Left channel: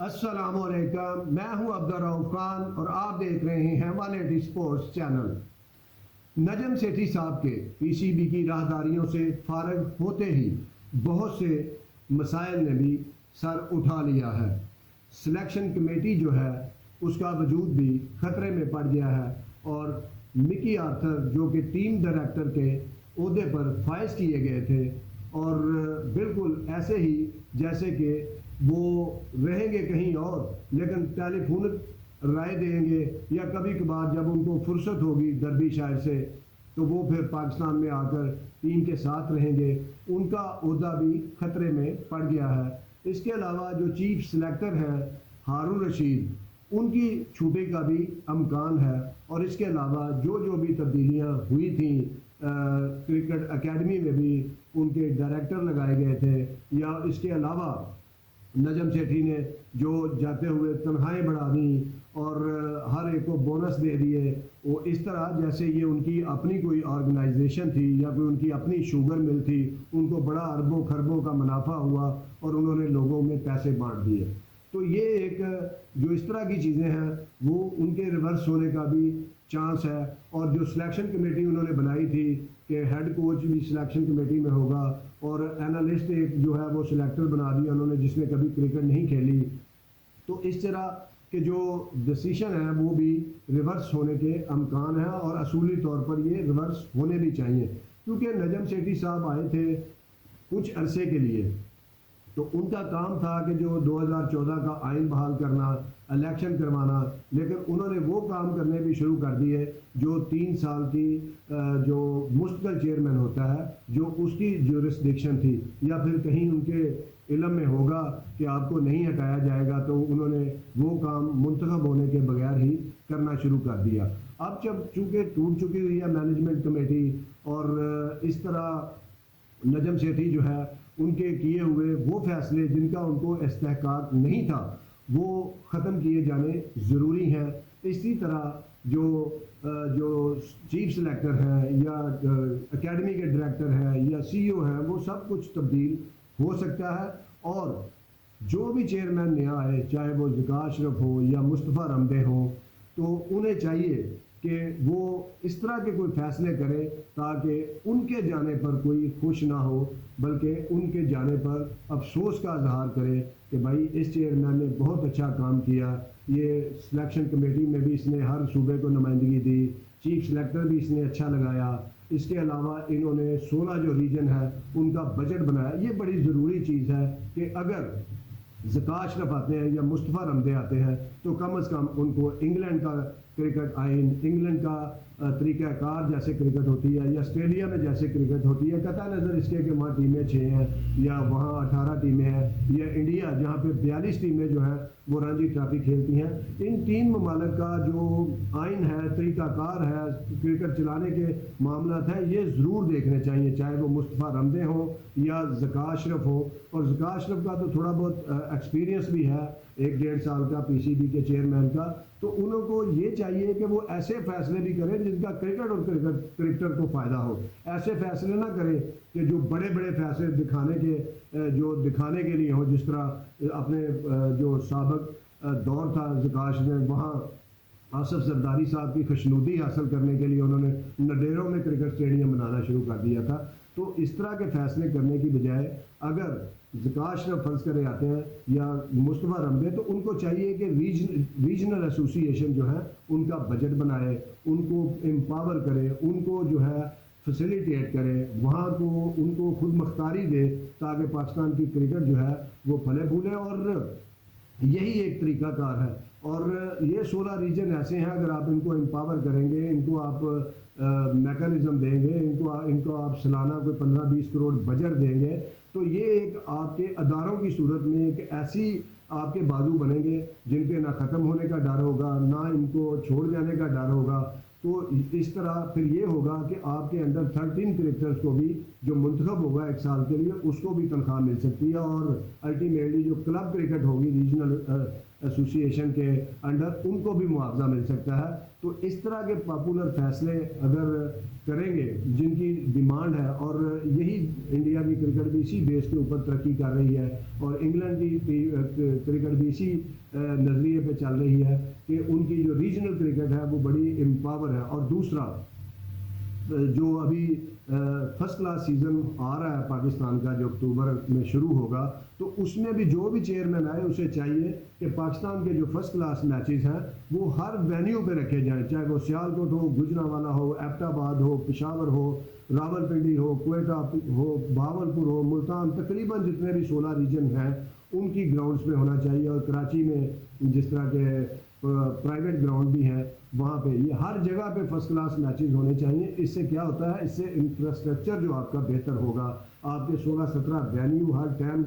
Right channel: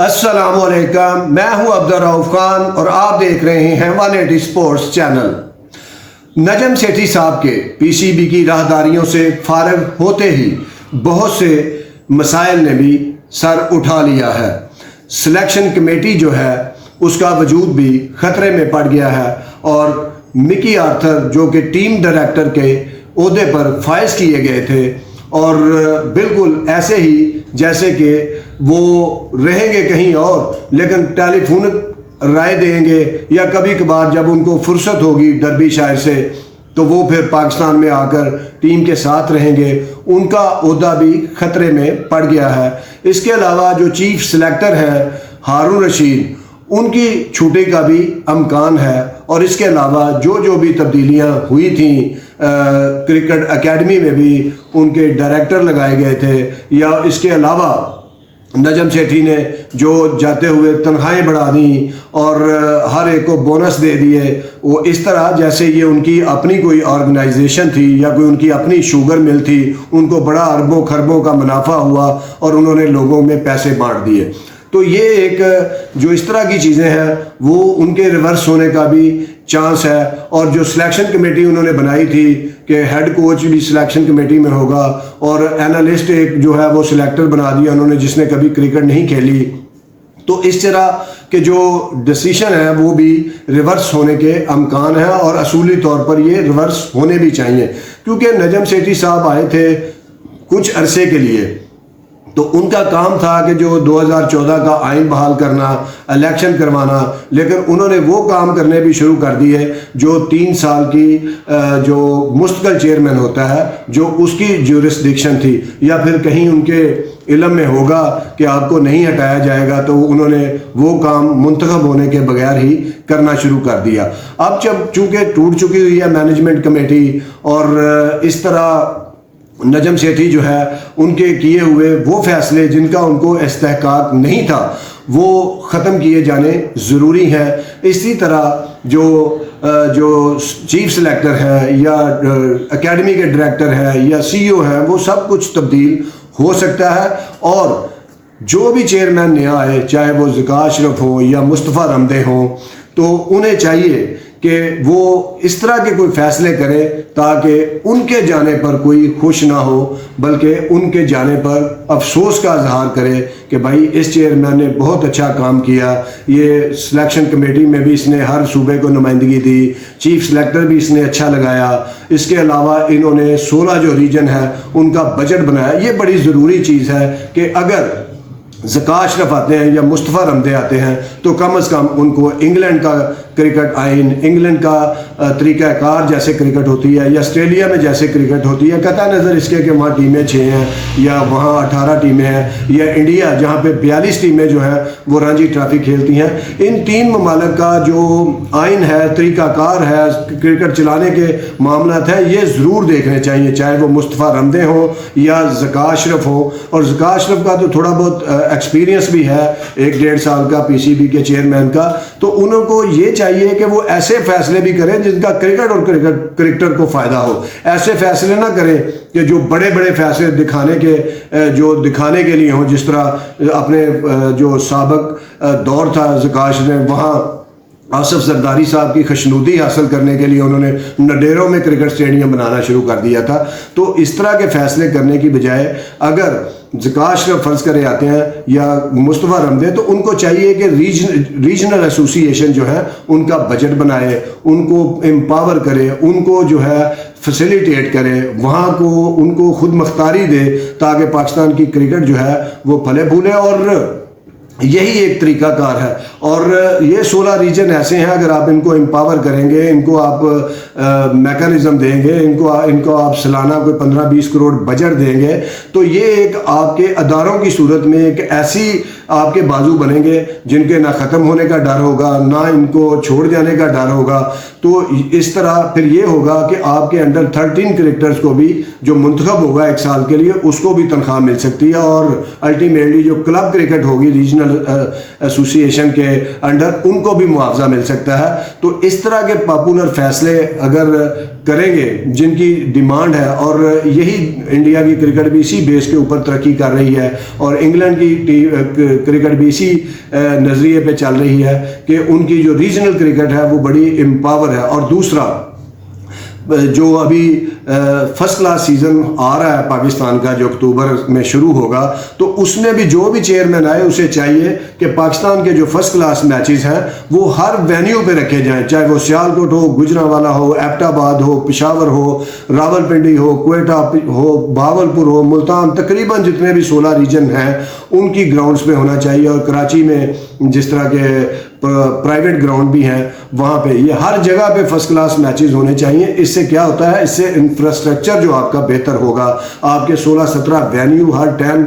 السلام علیکم، میں ہوں عبدالرؤف خان اور آپ دیکھ رہے ہیں 180 اسپورٹس چینل۔ نجم سیٹھی صاحب کے پی سی بی کی راہداریوں سے فارغ ہوتے ہی بہت سے مسائل نے بھی سر اٹھا لیا ہے۔ سلیکشن کمیٹی جو ہے اس کا وجود بھی خطرے میں پڑ گیا ہے اور مکی آرتھر جو کہ ٹیم ڈائریکٹر کے عہدے پر فائز کیے گئے تھے اور بالکل ایسے ہی جیسے کہ وہ رہیں گے کہیں اور لیکن ٹیلی فونک رائے دیں گے یا کبھی کبھار جب ان کو فرصت ہوگی ڈربی شایر سے تو وہ پھر پاکستان میں آ کر ٹیم کے ساتھ رہیں گے، ان کا عہدہ بھی خطرے میں پڑ گیا ہے۔ اس کے علاوہ جو چیف سلیکٹر ہے ہارون رشید، ان کی چھوٹی کا بھی امکان ہے اور اس کے علاوہ جو بھی تبدیلیاں ہوئی تھیں کرکٹ اکیڈمی میں بھی ان کے ڈائریکٹر لگائے گئے تھے، یا اس کے علاوہ نجم سیٹھی نے جو جاتے ہوئے تنخواہیں بڑھا دیں اور ہر ایک کو بونس دے دیے، وہ اس طرح جیسے یہ ان کی اپنی کوئی آرگنائزیشن تھی یا کوئی ان کی اپنی شوگر مل تھی، ان کو بڑا اربوں خربوں کا منافع ہوا اور انہوں نے لوگوں میں پیسے بانٹ دیے۔ تو یہ ایک جو اس طرح کی چیزیں ہیں وہ ان کے ریورس ہونے کا بھی چانس ہے۔ اور جو سلیکشن کمیٹی انہوں نے بنائی تھی کہ ہیڈ کوچ بھی سلیکشن کمیٹی میں ہوگا اور اینالسٹ ایک جو ہے وہ سلیکٹر بنا دیا انہوں نے جس نے کبھی کرکٹ نہیں کھیلی، تو اس طرح کہ جو ڈیسیشن ہے وہ بھی ریورس ہونے کے امکان ہیں اور اصولی طور پر یہ ریورس ہونے بھی چاہیے، کیونکہ نجم سیٹھی صاحب آئے تھے کچھ عرصے کے لیے تو ان کا کام تھا کہ جو 2014 کا آئین بحال کرنا، الیکشن کروانا، لیکن انہوں نے وہ کام کرنے بھی شروع کر دیے جو 3 سال کی جو مستقل چیئرمین ہوتا ہے جو اس کی جورسڈکشن تھی، یا پھر کہیں ان کے علم میں ہوگا کہ آپ کو نہیں ہٹایا جائے گا تو انہوں نے وہ کام منتخب ہونے کے بغیر ہی کرنا شروع کر دیا۔ اب چونکہ ٹوٹ چکی ہوئی ہے مینجمنٹ کمیٹی اور اس طرح نجم سیٹھی جو ہے ان کے کیے ہوئے وہ فیصلے جن کا ان کو استحقاق نہیں تھا وہ ختم کیے جانے ضروری ہیں۔ اسی طرح جو چیف سلیکٹر ہے یا اکیڈمی کے ڈائریکٹر ہے یا سی او ہے وہ سب کچھ تبدیل ہو سکتا ہے، اور جو بھی چیئرمین نیا آئے چاہے وہ ذکا اشرف ہوں یا مصطفیٰ رمدے ہوں تو انہیں چاہیے کہ وہ اس طرح کے کوئی فیصلے کرے تاکہ ان کے جانے پر کوئی خوش نہ ہو بلکہ ان کے جانے پر افسوس کا اظہار کرے کہ بھائی اس چیئرمین نے بہت اچھا کام کیا، یہ سلیکشن کمیٹی میں بھی اس نے ہر صوبے کو نمائندگی دی، چیف سلیکٹر بھی اس نے اچھا لگایا، اس کے علاوہ انہوں نے 16 جو ریجن ہے ان کا بجٹ بنایا۔ یہ بڑی ضروری چیز ہے کہ اگر ذکا اشرف آتے ہیں یا مصطفیٰ رمدے آتے ہیں تو کم از کم ان کو انگلینڈ کا کرکٹ آئین، انگلینڈ کا طریقہ کار جیسے کرکٹ ہوتی ہے یا آسٹریلیا میں جیسے کرکٹ ہوتی ہے، قطع نظر اس کے کہ وہاں ٹیمیں 6 ہیں یا وہاں 18 ٹیمیں ہیں، یا انڈیا جہاں پہ 42 ٹیمیں جو ہیں وہ رانجی ٹرافی کھیلتی ہیں، ان 3 ممالک کا جو آئین ہے، طریقہ کار ہے، کرکٹ چلانے کے معاملات ہیں، یہ ضرور دیکھنے چاہیے، چاہے وہ مصطفیٰ رمدے ہوں یا ذکا اشرف ہوں۔ اور ذکا اشرف کا تو تھوڑا بہت ایکسپیرینس بھی ہے 1-1.5 سال کا پی سی بی کے چیئرمین کا، تو انہوں کو یہ چاہیے کہ وہ ایسے فیصلے بھی کریں جن کا کرکٹ اور کرکٹر کو فائدہ ہو۔ ایسے فیصلے نہ کریں کہ جو بڑے بڑے فیصلے دکھانے کے لیے ہوں، جس طرح اپنے جو سابق دور تھا ذکاش نے وہاں آصف زرداری صاحب کی خوشنودی حاصل کرنے کے لیے انہوں نے نڈیروں میں کرکٹ اسٹیڈیم بنانا شروع کر دیا تھا۔ تو اس طرح کے فیصلے کرنے کی بجائے اگر ذکا اشرف فرض کرے آتے ہیں یا مصطفیٰ رمدے تو ان کو چاہیے کہ ریجنل ایسوسی ایشن جو ہے ان کا بجٹ بنائے، ان کو امپاور کرے، ان کو جو ہے فیسیلیٹیٹ کرے، وہاں کو ان کو خود مختاری دے تاکہ پاکستان کی کرکٹ جو ہے وہ پھلے پھولے، اور یہی ایک طریقہ کار ہے۔ اور یہ 16 ریجن ایسے ہیں، اگر آپ ان کو امپاور کریں گے، ان کو آپ میکانزم دیں گے، ان کو آپ سالانہ کوئی 15-20 کروڑ بجٹ دیں گے تو یہ ایک آپ کے اداروں کی صورت میں ایک ایسی آپ کے بازو بنیں گے جن کے نہ ختم ہونے کا ڈر ہوگا نہ ان کو چھوڑ جانے کا ڈر ہوگا۔ تو اس طرح پھر یہ ہوگا کہ آپ کے انڈر 13 کرکٹرز کو بھی جو منتخب ہوگا 1 سال کے لیے اس کو بھی تنخواہ مل سکتی ہے، اور الٹیمیٹلی جو کلب کرکٹ ہوگی ریجنل ریجنل ایسوسی ایشن کے انڈر ان کو بھی معاوضہ مل سکتا ہے. تو اس طرح کے پاپولر فیصلے اگر کریں گے جن کی ڈیمانڈ ہے, اور یہی انڈیا کی کرکٹ بھی اسی بیس کے اوپر ترقی کر رہی ہے, اور انگلینڈ کی کرکٹ بھی اسی نظریے پہ چل رہی ہے کہ ان کی جو ریجنل کرکٹ ہے وہ بڑی امپاور ہے. اور دوسرا جو ابھی فرسٹ کلاس سیزن آ رہا ہے پاکستان کا, جو اکتوبر میں شروع ہوگا, تو اس میں بھی جو بھی چیئرمین آئے اسے چاہیے کہ پاکستان کے جو فرسٹ کلاس میچز ہیں وہ ہر وینیو پہ رکھے جائیں, چاہے وہ سیالکوٹ ہو, گجرانوالہ ہو, ایبٹ آباد ہو, پشاور ہو, راولپنڈی ہو, کوئٹہ ہو, بہاولپور ہو, ملتان, تقریباً جتنے بھی 16 ریجن ہیں ان کی گراؤنڈز پہ ہونا چاہیے. اور کراچی میں جس طرح کے پرائیویٹ گراؤنڈ بھی ہیں وہاں پہ یہ ہر جگہ پہ فرسٹ کلاس میچز ہونے چاہیے. اس سے کیا ہوتا ہے, اس سے انفراسٹرکچر جو آپ کا بہتر ہوگا, آپ کے 16-17 وینیو ہر ٹائم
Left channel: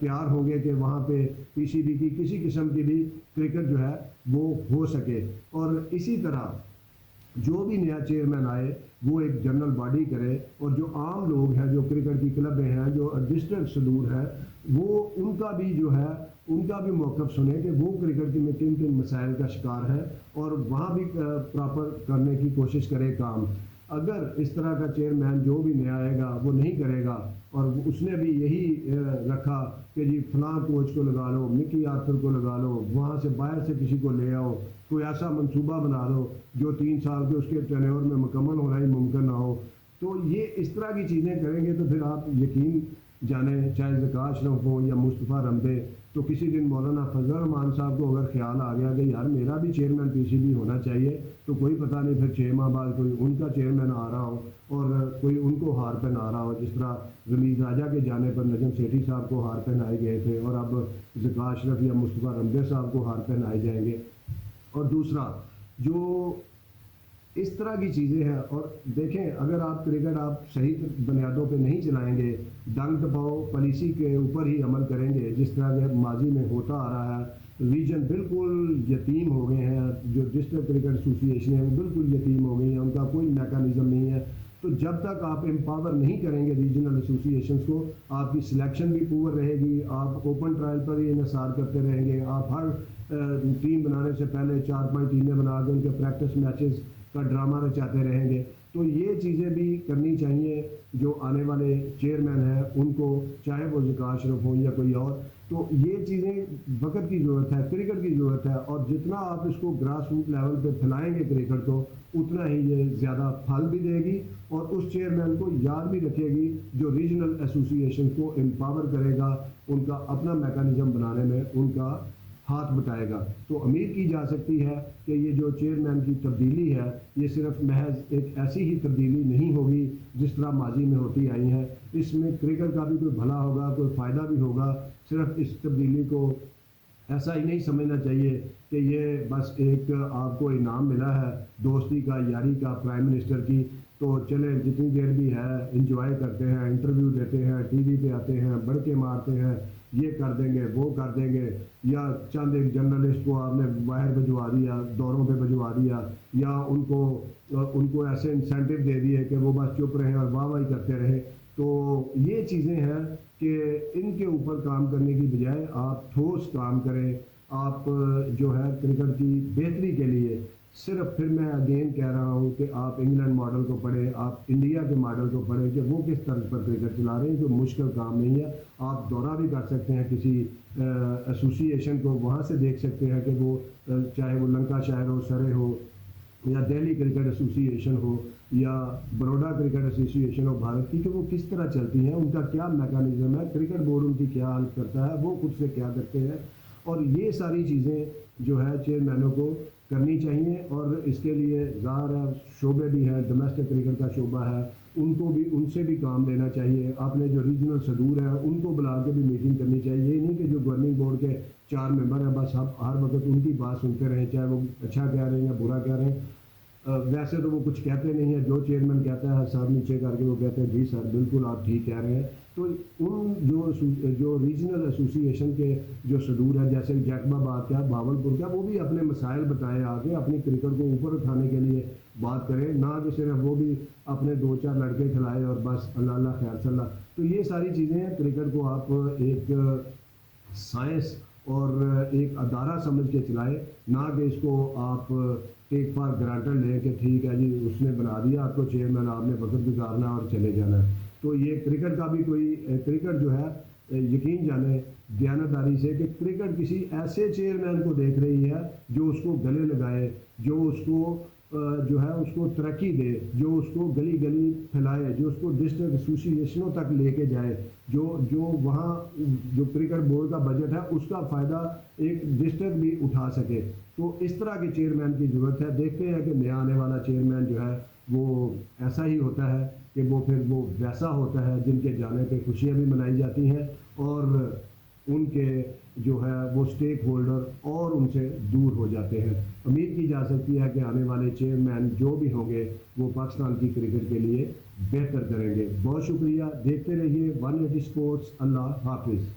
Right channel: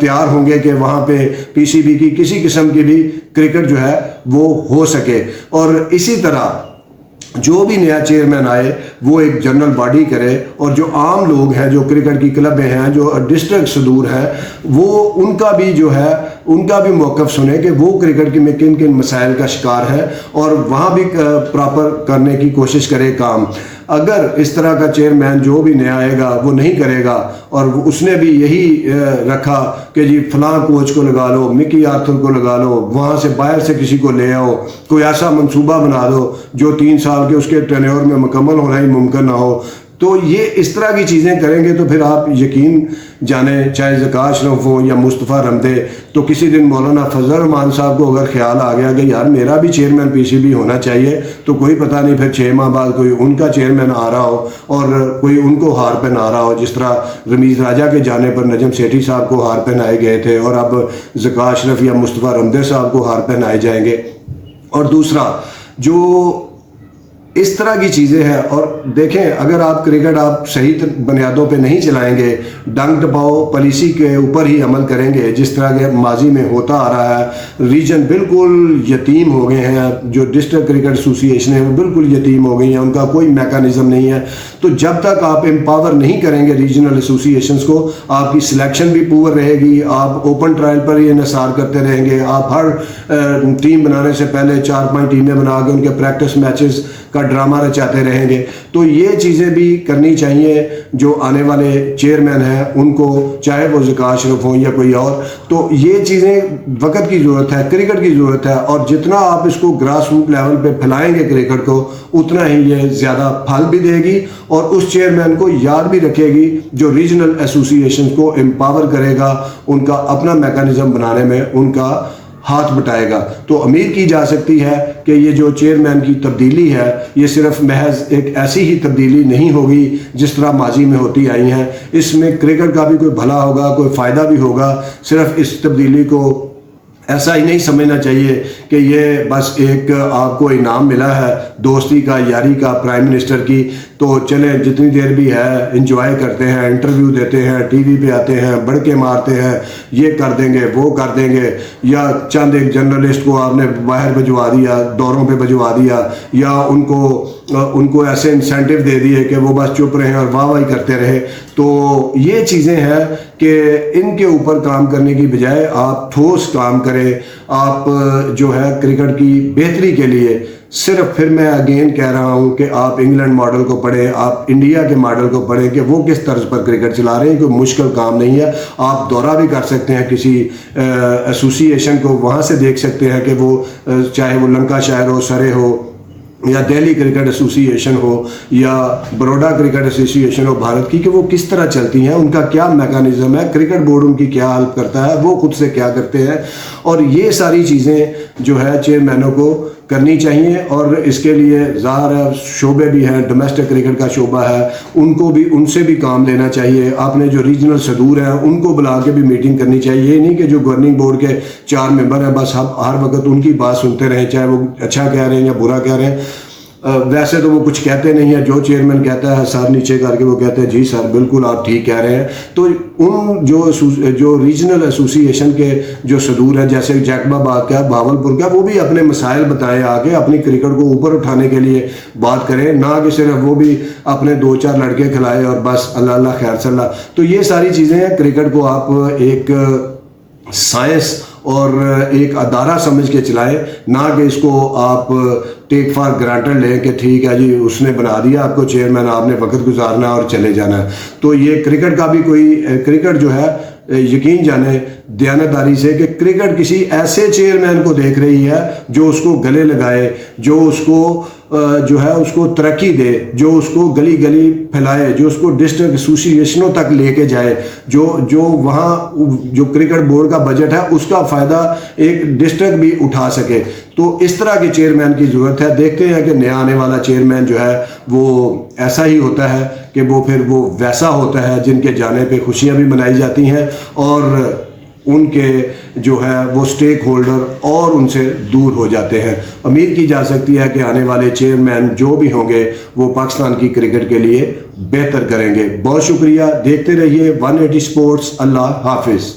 تیار ہوں گے کہ وہاں پہ پی سی بی کی کسی قسم کی بھی کرکٹ جو ہے وہ ہو سکے. اور اسی طرح جو بھی نیا چیئرمین آئے وہ ایک جنرل باڈی کرے, اور جو عام لوگ ہیں, جو کرکٹ کی کلبیں ہیں, جو ڈسٹرکٹ صدور ہیں, وہ ان کا بھی جو ہے ان کا بھی موقف سنے کہ وہ کرکٹ کی میں کن کن مسائل کا شکار ہے, اور وہاں بھی پراپر کرنے کی کوشش کرے کام. اگر اس طرح کا چیئرمین جو بھی نیا آئے گا وہ نہیں کرے گا, اور اس نے بھی یہی رکھا کہ جی فلاں کوچ کو لگا لو, مکی آرتھر کو لگا لو, وہاں سے باہر سے کسی کو لے آؤ, کوئی ایسا منصوبہ بنا دو جو 3 سال کے اس کے ٹینیور میں مکمل ہونا ہی ممکن نہ ہو, تو یہ اس طرح کی چیزیں کریں گے تو پھر آپ یقین جانیں, چاہے ذکا اشرف ہو یا مصطفیٰ رمدے, تو کسی دن مولانا فضل الرحمان صاحب کو اگر خیال آ گیا کہ یار میرا بھی چیئرمین پی سی بی ہونا چاہیے, تو کوئی پتہ نہیں پھر 6 ماہ بعد کوئی ان کا چیئرمین آ رہا ہو اور کوئی ان کو ہار پہنا آ رہا ہو, جس طرح رمیز راجہ کے جانے پر نجم سیٹھی صاحب کو ہار پہنائے گئے تھے, اور اب ذکا اشرف یا مصطفیٰ رمدے صاحب کو ہار پہنائے جائیں گے. اور دوسرا جو اس طرح کی چیزیں ہیں, اور دیکھیں اگر آپ کرکٹ آپ صحیح بنیادوں پہ نہیں چلائیں گے, ڈنگ ٹپاؤ پالیسی کے اوپر ہی عمل کریں گے جس طرح کے ماضی میں ہوتا آ رہا ہے, ریجن بالکل یتیم ہو گئے ہیں, جو ڈسٹرکٹ کرکٹ ایسوسی ایشن ہے وہ بالکل یتیم ہو گئی ہیں, ان کا کوئی میکانزم نہیں ہے. تو جب تک آپ امپاور نہیں کریں گے ریجنل ایسوسی ایشنز کو, آپ کی سلیکشن بھی پور رہے گی, آپ اوپن ٹرائل پر ہی انحصار کرتے رہیں گے, آپ ہر ٹیم بنانے سے پہلے 4-5 ٹیمیں بنا کے ان کے پریکٹس میچز کا ڈرامہ رچاتے رہیں گے. تو یہ چیزیں بھی کرنی چاہیے جو آنے والے چیئرمین ہیں ان کو, چاہے وہ ذکا اشرف ہوں یا کوئی اور. تو یہ چیزیں وقت کی ضرورت ہے, کرکٹ کی ضرورت ہے, اور جتنا آپ اس کو گراس روٹ لیول پہ پھیلائیں گے کرکٹ کو, اتنا ہی یہ زیادہ پھل بھی دے گی, اور اس چیئرمین کو یاد بھی رکھے گی جو ریجنل ایسوسی ایشن کو امپاور کرے گا, ان کا اپنا میکانزم بنانے میں ان کا ہاتھ بٹائے گا. تو امید کی جا سکتی ہے کہ یہ جو چیئرمین کی تبدیلی ہے یہ صرف محض ایک ایسی ہی تبدیلی نہیں ہوگی جس طرح ماضی میں ہوتی آئی ہیں, اس میں کرکٹ کا بھی کوئی بھلا ہوگا, کوئی فائدہ بھی ہوگا. صرف اس تبدیلی کو ایسا ہی نہیں سمجھنا چاہیے کہ یہ بس ایک آپ کو انعام ملا ہے دوستی کا, یاری کا, پرائم منسٹر کی, تو چلیں جتنی دیر بھی ہے انجوائے کرتے ہیں, انٹرویو دیتے ہیں, ٹی وی پہ آتے ہیں, بڑکے مارتے ہیں, یہ کر دیں گے وہ کر دیں گے, یا چند ایک جرنلسٹ کو آپ نے باہر بھجوا دیا, دوروں پہ بھجوا دیا, یا ان کو ایسے انسینٹیو دے دیے کہ وہ بس چپ رہیں اور واہ واہی کرتے رہے. تو یہ چیزیں ہیں کہ ان کے اوپر کام کرنے کی بجائے آپ ٹھوس کام کریں. آپ جو ہے کرکٹ کی بہتری کے لیے صرف, پھر میں اگین کہہ رہا ہوں کہ آپ انگلینڈ ماڈل کو پڑھیں, آپ انڈیا کے ماڈل کو پڑھیں کہ وہ کس طرز پر کرکٹ چلا رہے ہیں. کوئی مشکل کام نہیں ہے, آپ دورہ بھی کر سکتے ہیں کسی ایسوسی ایشن کو, وہاں سے دیکھ سکتے ہیں کہ وہ چاہے وہ لنکا شائر ہو, سرے ہو, یا دہلی کرکٹ ایسوسی ایشن ہو, یا بروڈا کرکٹ ایسوسی ایشن ہو بھارت کی, کہ وہ کس طرح چلتی ہیں, ان کا کیا میکانزم ہے, کرکٹ بورڈ ان کی کیا ہیلپ کرتا ہے, وہ خود سے کیا کرتے ہیں. اور یہ ساری چیزیں جو ہے چیئرمینوں کو کرنی چاہیے, اور اس کے لیے ظاہر ہے شعبے بھی ہیں, ڈومیسٹک کرکٹ کا شعبہ ہے, ان سے بھی کام لینا چاہیے. آپ نے جو ریجنل صدور ہیں ان کو بلا کے بھی میٹنگ کرنی چاہیے. یہ نہیں کہ جو گورننگ بورڈ کے 4 ممبر ہیں بس ہر وقت ان کی بات سنتے رہیں, چاہے وہ اچھا کہہ رہے ہیں یا برا کہہ رہے ہیں. ویسے تو وہ کچھ کہتے نہیں ہیں, جو چیئرمین کہتا ہے سر نیچے کر کے وہ کہتے ہیں جی سر بالکل آپ ٹھیک کہہ رہے ہیں. تو ان جو ریجنل ایسوسی ایشن کے جو صدور ہیں, جیسے جیکب آباد کا, بہاولپور کا, وہ بھی اپنے مسائل بتائیں, آگے اپنی کرکٹ کو اوپر اٹھانے کے لیے بات کریں, نہ کہ صرف وہ بھی اپنے 2-4 لڑکے کھلائے اور بس اللہ اللہ خیر صلی اللہ. تو یہ ساری چیزیں ہیں, کرکٹ کو آپ ایک سائنس اور ایک ادارہ سمجھ کے چلائیں، نہ کہ اس کو آپ ٹیک فار گرانٹڈ لیں کہ ٹھیک ہے جی اس نے بنا دیا آپ کو چیئرمین، آپ نے وقت گزارنا اور چلے جانا ہے۔ تو یہ کرکٹ کا بھی کرکٹ جو ہے یقین جانیں دیانتداری سے کہ کرکٹ کسی ایسے چیئرمین کو دیکھ رہی ہے جو اس کو گلے لگائے، جو اس کو جو ہے اس کو ترقی دے، جو اس کو گلی گلی پھیلائے، جو اس کو ڈسٹرکٹ ایسوسیشنوں تک لے کے جائے، جو وہاں جو کرکٹ بورڈ کا بجٹ ہے اس کا فائدہ ایک ڈسٹرکٹ بھی اٹھا سکے۔ تو اس طرح کے چیئرمین کی ضرورت ہے۔ دیکھتے ہیں کہ نیا آنے والا چیئرمین جو ہے وہ ایسا ہی ہوتا ہے کہ وہ ویسا ہوتا ہے جن کے جانے پہ خوشیاں بھی منائی جاتی ہیں اور ان کے جو ہے وہ سٹیک ہولڈر اور ان سے دور ہو جاتے ہیں۔ امید کی جا سکتی ہے کہ آنے والے چیئرمین جو بھی ہوں گے وہ پاکستان کی کرکٹ کے لیے بہتر کریں گے۔ بہت شکریہ، دیکھتے رہیے 180 سپورٹس۔ اللہ حافظ۔